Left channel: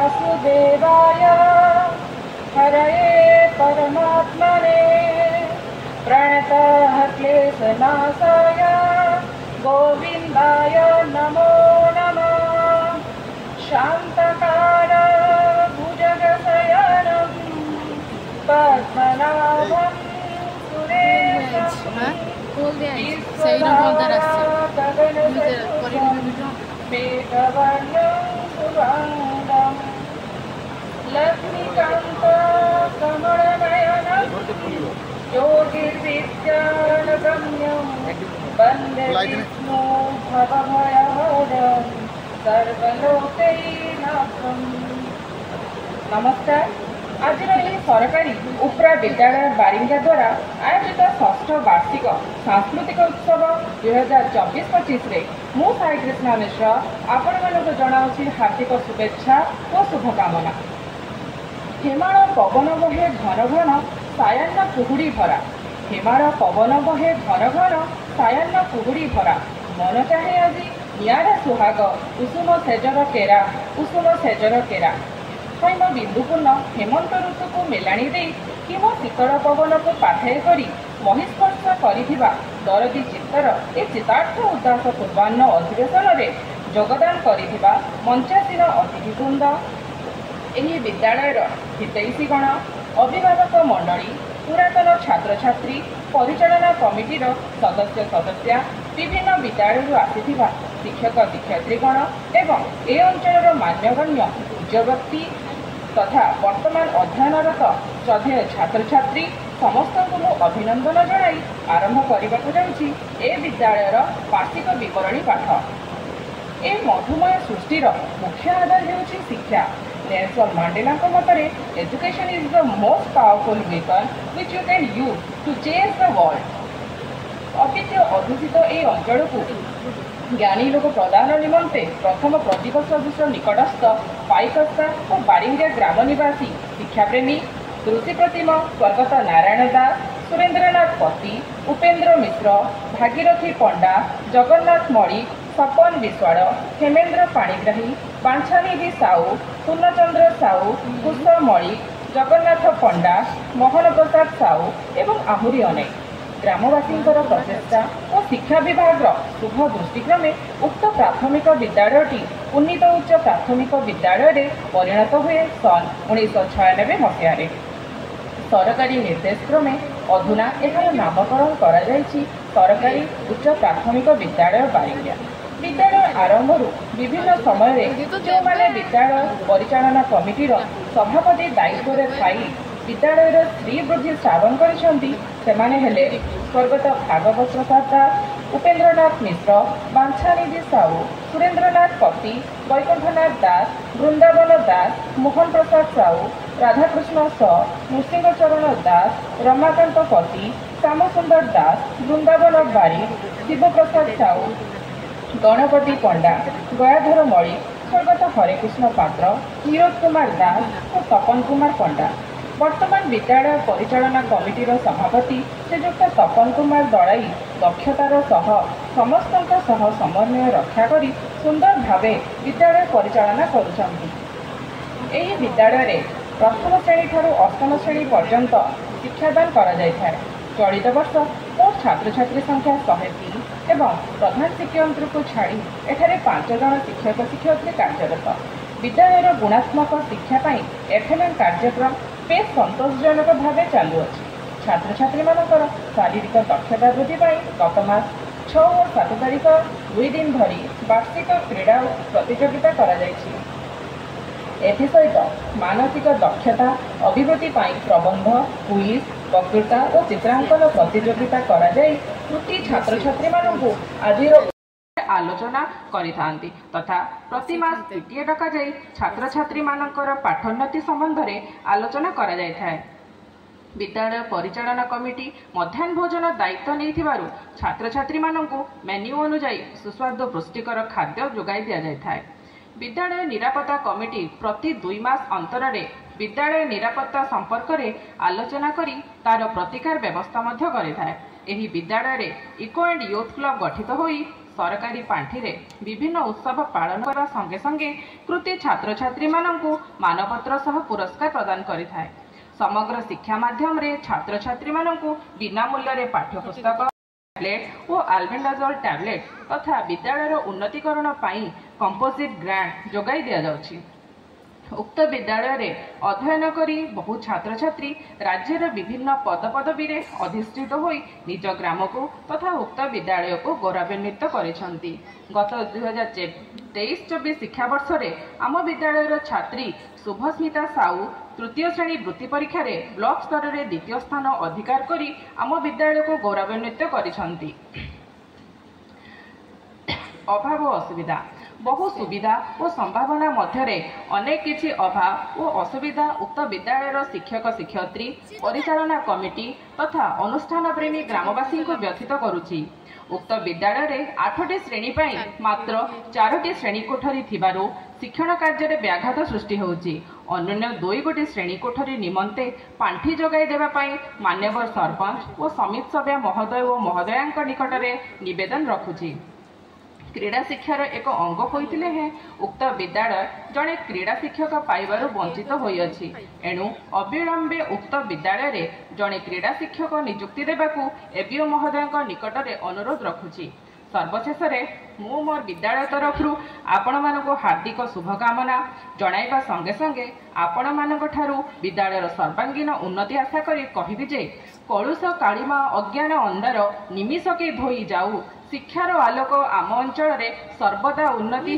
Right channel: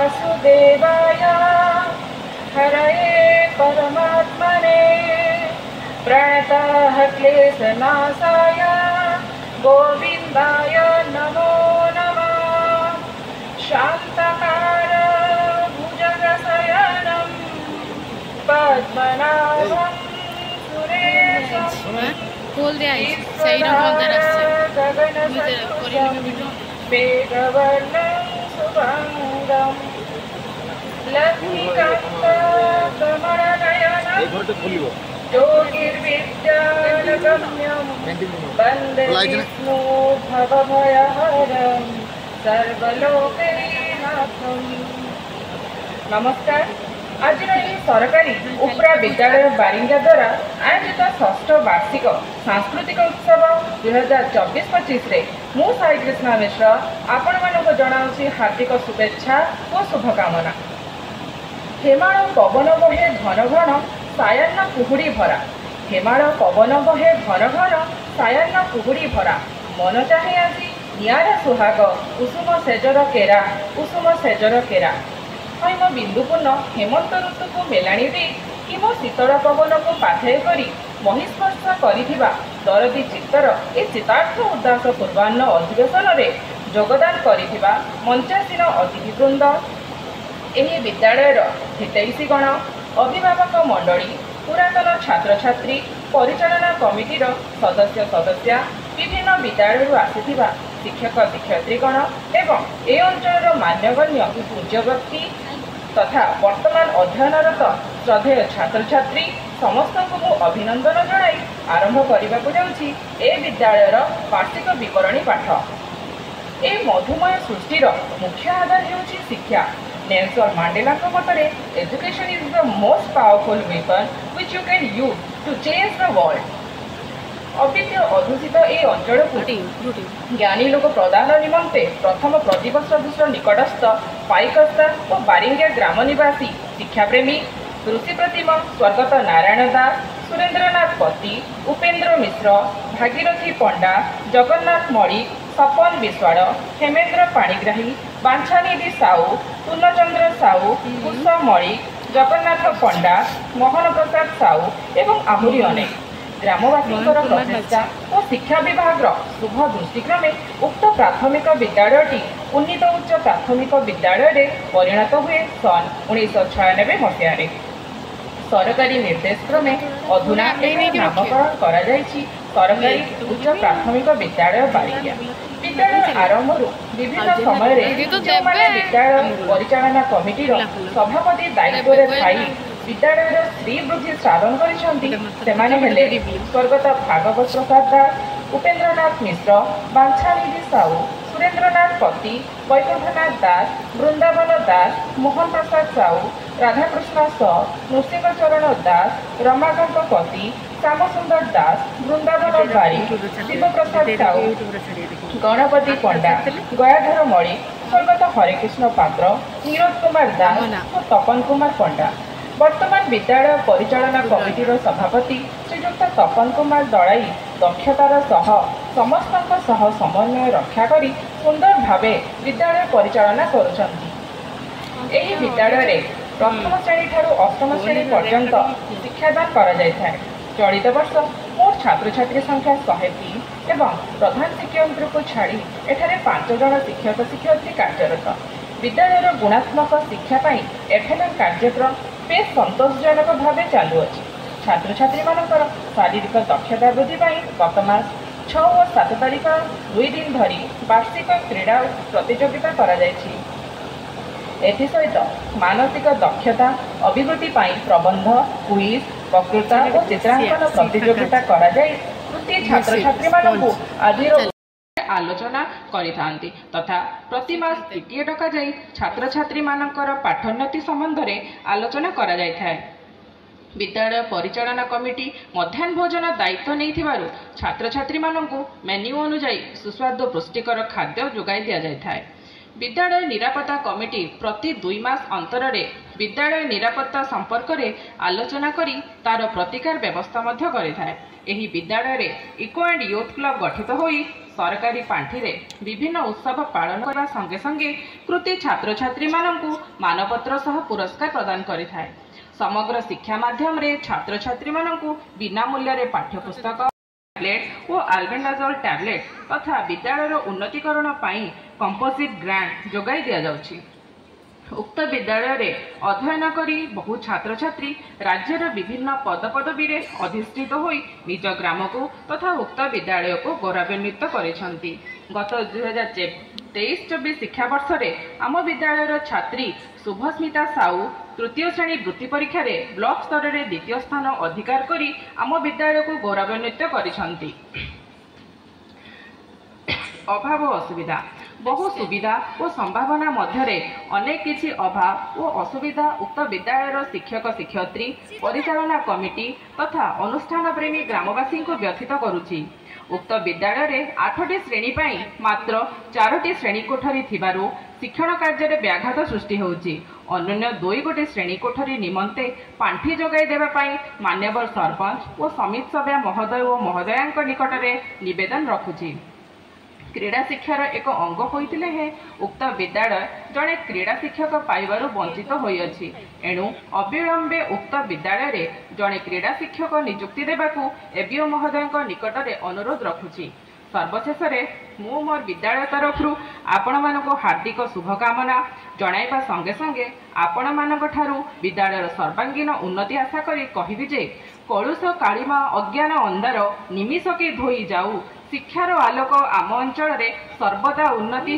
वासुदेवाय हरये परमात्मने प्रणतः क्लेशनाशाय गोविन्दाय नमो नमः। शान्तकार भुजगशयनं पद्मनाभं सुरेशं खोल दिया सही रंग अंदर मेघवर्णं शुभांगं लक्ष्मीकान्तं ज्योतिर्विद्यानगम्यं वन्दे विष्णु भवभयहरं सर्वलोकैकनाथं। नमस्कार। आज सरकारी उपरा विद्यालय बारिंगा द्वारा आयोजित षष्ठ वार्षिक सांस्कृतिक उत्सव 2024-25 मु साई कृष्णा मिश्र आपण मानक जनाऊँगी हार्दिक शुभेच्छा और शुभकामना। हेमाळ पवन बहे घन घन सायान्न कुहुड़ी भरा, हेमाळ पवन बहे घन घन सायान्न कुहुड़ी भरा, मन चाहे आज निआरा सुहाग कुसुम सेजर केरा, कुसुम सेजर केरा। हैम बिंदुपूर्ण हेमंत ऋतु को मेलाणी दे हिम शीतल पवन को पाथेय करी महिस्पर्श करिथिबा दरदी चित्तर ए चितार्थ उदास पूर्वान्न अधिवेशन में योगदान करिथिबा मंचासीन अतिथिवृंद, एही विद्यालयर हितैषीगण, अभिभावक मंडली, पुरातन छात्र छात्री, परिचालना कमिटीर सदस्य सदस्या, विभिन्न विद्यालय आसिथिबा शिक्षक शिक्षयित्रीगण एवं ए अंचल मान्यगण्य पूज्य व्यक्ति तथा वर्तमान अध्ययनरत श्रद्धेय छात्र छात्री समस्त को अभिनंदन जनाई आरंभ करने को जाऊँगी ए विद्यालयर वार्षिक विवरणी पाठ। ए मधुमय सृष्टिर मुख्य आधार होउछि शिक्षा। नेल्सन मांडेला मतरे education is the most powerful weapon which you can use to change the world. अद्वितीय अधूषित ए अंचल को ज्ञानी लोक प्रदान निमंते प्रथम प्रदीप सदृश निकटस्थ पाइकस्ता और बारिंगा ग्राम निवासी शिक्षाप्रेमी ऋषि प्रतिम स्वर्गत नारायण दास, सुरेन्द्रनाथ पति, उपेन्द्र मिश्र, भागीरथी पंडा, जगन्नाथ मणि, सपन विश्वाड़, हेमेन्द्र पाणिग्राही, बांछानिधि साहू, पूर्णचंद्र साहू, कुशा मणि, जगन्नाथ पंडा, मोहन प्रसाद साहू एवं आहरी अनेक ग्रामवासी प्रचेषा और शिक्षा विभाग शुभ दृष्टिक्रमे उक्त प्राथमिक विद्यालयटी उन्नीत उच्च प्राथमिक विद्यालय परिणत हुए सन 1996 मसीह। सरकारी निर्देश क्रमे अधुना नामकरण करा जायछि सरकारी उच्च प्राथमिक विद्यालय बारिंगा। विद्यालय आरंभ विभिन्न समय विद्यालय परिचालना कमिटीर सभापति दायित्व विद्यालय श्रीवृद्धि साधन करिसेंती सेमाने हेले स्वर्गत भागवत प्रसाद दास, उपेन्द्रनाथ मिश्र, बांछानिधि साहू, सुरेन्द्रनाथ पति, वैकुंठनाथ दास, वृंदावन दास, मोहन प्रसाद साहू, राधाकृष्ण स, नृसिंहचरण दास, रमाकांत पति, श्यामसुंदर दास, वृंदावन बारी, शिवप्रसाद साहू, गणपति पंडा, गयाधर मणि, स्वर्गत हरेकृष्ण पात्र, नीरज कुमार दास और तपन कुमार पंडा। वर्तमान विद्यालय परिचालना कमिटीर सभापति श्रीजुक्त तपन कुमार दड़ाई दक्षतार सह समस्त समन्वय रक्षा करी सुंदर भावे विद्यालय परिचालना करुछंती। एही विद्यालय प्रथम श्रेणी ठारू अष्टम श्रेणी पर्यंत शिक्षादान करा जायथाय। चलित वर्ष मोट छात्र छात्री संख्या 103 एवं प्रधान शिक्षक को छाड़ी एठारे 5 जन शिक्षक शिक्षयित्री कार्यरत। विद्यालयर गुणात्मक शिक्षा एफएलएम कार्यक्रम बेस संतोषजनक भाव चालू अच्छी। छात्र छात्री मानकर शारीरिक दक्षता वृद्धि गत मास 6 और 7 तारीख 2 दिन धरी वार्षिक क्रीड़ा प्रतियोगिता करा जायछि। एसहित मानसिक दक्षता अभिवृद्धि प्रबंध, क्विज, वक्तृता और चित्रांकन प्रतियोगिता करा जाय कृति छात्र छात्री मानकु आजिर आलोचना करिथांती तथा प्रति मास टीटीए डका जाई छात्र छात्री मानकर पाठोन्नति संबंध में आलोचना करा जाय थाए। विद्यालय परिचालना कमिटी मध्याह्न भोजन दायित्व नहीं छात्र छात्री मानकु मेन्यू अनुजाई सुस्वादु पुष्टिकर खाद्य जोगाई दिया जाय थाए। विद्यालय निरापत्ता कमिटी प्रति 2 मास अंतरे विद्यालय निरापत्ता संपर्क में आलोचना करी तार प्रतिकार व्यवस्था मध्य करिथाए। ଏହି ବିଦ୍ୟାଳୟରେ ଇକୋ ଆଣ୍ଡ ୟୁଥ୍ କ୍ଲବ ଗଠିତ ହୋଇ ସରକାରୀ ପାଣ୍ଠିରେ ବିଭିନ୍ନ ଉତ୍ସବ ପାଳନ କରିବା ସଙ୍ଗେ ସଙ୍ଗେ କୃତି ଛାତ୍ରଛାତ୍ରୀମାନଙ୍କୁ ମାନପତ୍ର ସହ ପୁରସ୍କାର ପ୍ରଦାନ କରିଥାଏ। ସମଗ୍ର ଶିକ୍ଷା ମାଧ୍ୟମରେ ଛାତ୍ରଛାତ୍ରୀମାନଙ୍କୁ ବିନା ମୂଲ୍ୟରେ ପାଠ୍ୟପୁସ୍ତକ, ଟ୍ୟାବ୍ଲେଟ୍ ଓ ଆଲବେଣ୍ଡାଜୋଲ୍ ଟ୍ୟାବ୍ଲେଟ୍ ତଥା ବିଦ୍ୟାଳୟର ଉନ୍ନତିକରଣ ପାଇଁ କମ୍ପୋଜିଟ୍ ଗ୍ରାଣ୍ଟ ଯୋଗାଇ ଦିଆଯାଉଛି। ଉକ୍ତ ବିଦ୍ୟାଳୟରେ ଅଧ୍ୟୟନ କରି ବହୁ ଛାତ୍ରଛାତ୍ରୀ ରାଜ୍ୟର ବିଭିନ୍ନ ପଦପଦବୀରେ ଅଧିଷ୍ଠିତ ହୋଇ ନିଜ ଗ୍ରାମକୁ ତଥା ଉକ୍ତ ବିଦ୍ୟାଳୟକୁ ଗୌରବାନ୍ୱିତ କରିଛନ୍ତି। ଗତ 2023-24 ଶିକ୍ଷାବର୍ଷରେ ଆମ ବିଦ୍ୟାଳୟର ଛାତ୍ରୀ ଶୁଭସ୍ମିତା ସାହୁ ତୃତୀୟ ଶ୍ରେଣୀ ବୃତ୍ତି ପରୀକ୍ଷାରେ ବ୍ଲକ ସ୍ତରରେ ଦ୍ୱିତୀୟ ସ୍ଥାନ ଅଧିକାର କରି ଆମ ବିଦ୍ୟାଳୟକୁ ଗୌରବାନ୍ୱିତ କରିଛନ୍ତି। ଅଭାବ ଅସୁବିଧା ବହୁ ସୁବିଧା ଓ ସମ୍ଭାବନା ମଧ୍ୟରେ ଅନେକ କିଛି ଅଭାବ ଓ ଅସୁବିଧା ଉକ୍ତ ବିଦ୍ୟାଳୟର ଶିକ୍ଷକ ଶିକ୍ଷୟିତ୍ରୀ, ପରିଚାଳନା କମିଟି ତଥା ଅନୁଷ୍ଠାନ ପ୍ରେମୀ ଗ୍ରାମବାସୀଙ୍କୁ ବ୍ୟଥିତ କରୁଛି। ଉକ୍ତ ବିଦ୍ୟାଳୟରେ 8ଟି ଶ୍ରେଣୀ ପାଇଁ ମାତ୍ର 4ଟି ଶ୍ରେଣୀ କୋଠରୀ ଥିବାରୁ ଶିକ୍ଷଣ କାର୍ଯ୍ୟରେ ବ୍ୟାଘାତ ସୃଷ୍ଟି ହେଉଛି। ଅନ୍ୟାନ୍ୟ 2 ଗୋଟି ଶ୍ରେଣୀ କୋଠରୀ ନିମନ୍ତେ ପାଣ୍ଠି ଯୋଗାଇ ଦେବା ପାଇଁ ମାନ୍ୟବର ସରପଞ୍ଚ ଓ ସମିତି ସଭ୍ୟା ମହୋଦୟ ଓ ମହୋଦୟାଙ୍କ ନିକଟରେ ନିବେଦନ ରଖୁଛି। କ୍ରୀଡ଼ା ଶିକ୍ଷାର ଏକ ଅଙ୍ଗ ହୋଇଥିଲେ ହେଁ ଉକ୍ତ ବିଦ୍ୟାଳୟ ଜଣେ କ୍ରୀଡ଼ା ଶିକ୍ଷକ ପାଇବାରୁ ବଞ୍ଚିତ ହୋଇଅଛି। ଏଣୁ ଅବିଳମ୍ବେ ଉକ୍ତ ବିଦ୍ୟାଳୟରେ ଜଣେ କ୍ରୀଡ଼ା ଶିକ୍ଷକ ନିଯୁକ୍ତି ଦେବାକୁ ଏବିଓ ମହୋଦୟଙ୍କ ନିକଟରେ ଅନୁରୋଧ ରଖୁଛି। ସର୍ବଶେଷରେ ମୁଁ ମୋର ବିଦ୍ୟାଳୟ ତରଫରୁ ଆପଣମାନଙ୍କୁ ହାର୍ଦ୍ଦିକ ଶୁଭକାମନା ଜଣାଇବା ସଙ୍ଗେ ସଙ୍ଗେ ଆପଣମାନଙ୍କଠାରୁ ବିଦ୍ୟାଳୟର ସର୍ବାଙ୍ଗୀନ ଉନ୍ନତି ଆଶା କରି କହିବି ଯେ କଳୁଷ କାଳିମା ଅଜ୍ଞାନ ଅନ୍ଧାର ନିମିଷକେ ଧୋଇ ଯାଉ, ଶିକ୍ଷାର ଆଲୋକ ଆମ ଅଞ୍ଚଳରେ ସର୍ବଦା ଉନ୍ନତି